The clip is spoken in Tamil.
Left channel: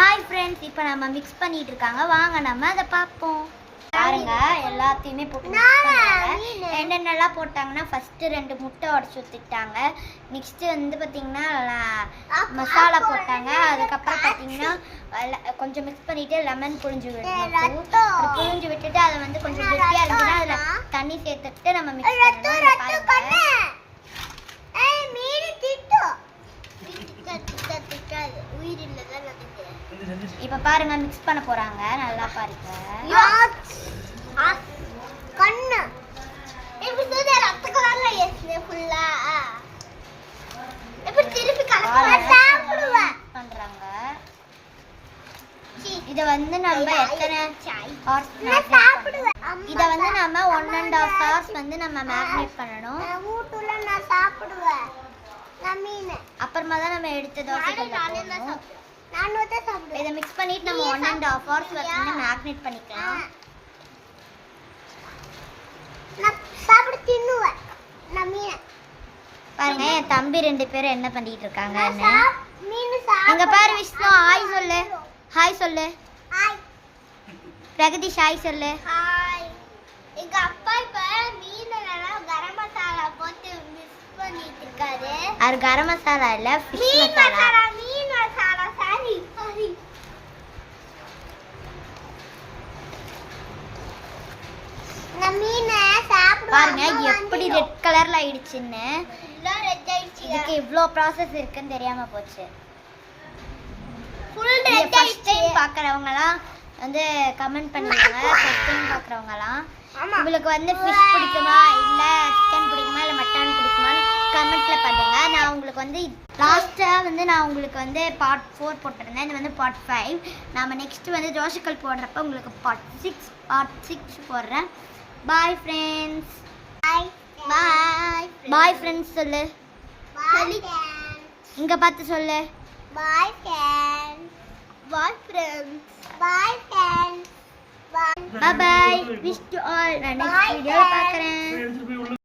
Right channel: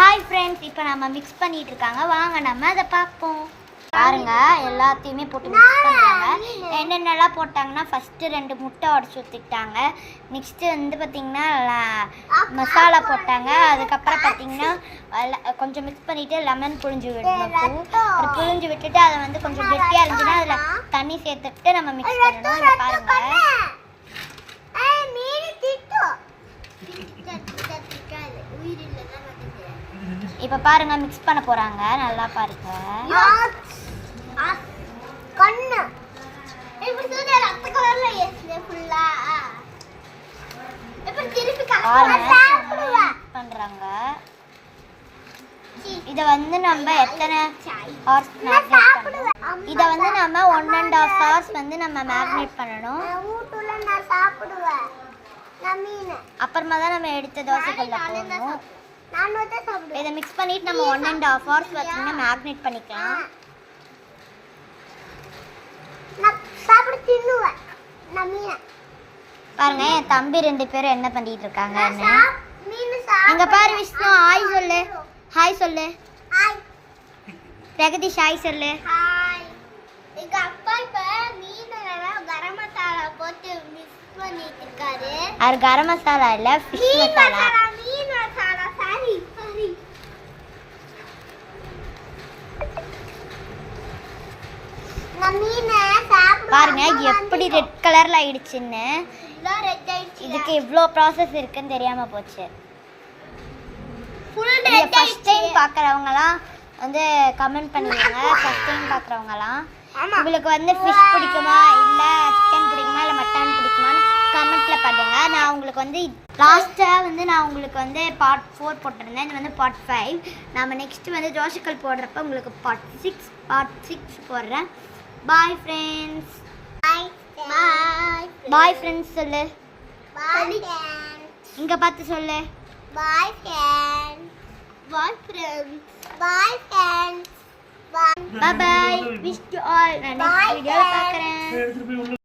ஹாய் ஃப்ரெண்ட்ஸ், இப்போ நம்ம மிக்ஸ் பண்ணிட்டு இருக்காங்க. வாங்க நம்ம அதை பார்ப்போம். பாருங்க, எல்லாத்தையுமே போட்டு மிக்ஸ் பண்ணுறாங்க. என்னென்னலாம் போட்டாங்கன்னா, ஃபஸ்ட்டு 2 முட்டை உடச்சி ஊற்றிக்கிட்டாங்க. நெக்ஸ்ட்டு வந்து பார்த்திங்கன்னா மசாலா போட்டாங்க. அதுக்கப்புறம் பார்த்திங்கன்னா கொஞ்சம் மிக்ஸ் பண்ணிவிட்டு லெமன் புழிஞ்சு விடணும். புழிஞ்சு விட்டுட்டு அதை வந்து கொஞ்சம் கெட்டியாக இருந்துச்சுன்னா அதில் தண்ணி சேர்த்துட்டு நம்ம மிக்ஸ் பண்ணணும். பாருங்கள், இப்போ பாருங்க மிக்ஸ் பண்ண போறாங்க. நல்லா பாருங்க. கண்ணு இப்படி சுதே ரத்த கலர்ல ஏஸ்ல ஃபுல்லா இப்படி திருப்பி கலர் சாப்பிடுவா பண்றாங்க. இத வந்து நம்ம எத்தனை ஹார்ஸ் சாப்பிடுவேன். இத வந்து நம்ம 1.5 ஹார்ஸ் வந்து நம்ம மேரினேட் பண்ணனும். ஊட்டுல நான் சாப்பிடுவேன். நம்மீன அப்புறமா தான் நம்ம எடுத்து தோசைக்கல்ல போடணும். நான் வந்து சாப்பிடுவேன். இத மிக்ஸ் பண்ணிட்டு நம்ம 1.5 ஹார்ஸ் வச்சு மேரினேட் பண்ணிக்கலாம். நான் சாப்பிட தின்னுவேன். நம்மீன பாருங்க, என் தம்பி 2 பேரும் என்ன பண்ணிட்டு இருக்காங்கன்னு. இங்க பாரு விஷ்ணு, ஹாய் சொல்லு. ஹாய் சொல்லு. ஹாய் பிரகதீஷ், ஹாய் சொல்லு. ஹாய். எங்க அப்பா இப்ப மீனெல்லாம் கரம் மசாலா போட்டு மிக்ஸ் பண்ணிட்டு இருக்காரு. அது கரம் மசாலா இல்ல, ஃபிஷ் மசாலா. மீன் மசாலா. சரி சரி. நான் மீனை சாப்பிடுவேன். பாருங்க எப்படி ரெட் கலர்ல ஆயிடுச்சுன்னு. எல்லாம் ரெட் ஆயிடுச்சு. இதுக்கு இவ்ளோ process இருக்குன்னு தெரியாம போச்சு. ஃபுல் ரெட் ஆயிடுச்சு. ஃபர்ஸ்ட் டைம் பார்க்கறவங்கலாம் வந்து கமெண்ட் பண்ணுங்க. ஃபர்ஸ்ட் டைம் பார்க்கறவங்கலாம் உங்களுக்கு வந்து ஃபிஷ் பிடிக்குமா இல்ல சிக்கன் பிடிக்குமா இல்ல மட்டன் பிடிக்குமான்னு கமெண்ட்ல பண்ணுங்க. நான் உங்களுக்கு வந்து லாஸ்டா வந்து நான் உங்களுக்கு வந்து பார்ட் 4 போட்டுறேன். இது வந்து பார்ட் 5. நாம நெக்ஸ்ட் வந்து தோசைக்கல் போடுறப்ப உங்களுக்கு பார்ட் 6 போடுறேன். Bye friends. பாய் ஃப்ரெண்ட்ஸ் சொல்லு. Bye friends. இங்க பார்த்து சொல்லு. Bye friends. Bye friends. Bye friends. Bye bye. Wish you all. நான் next video பார்க்கறேன்.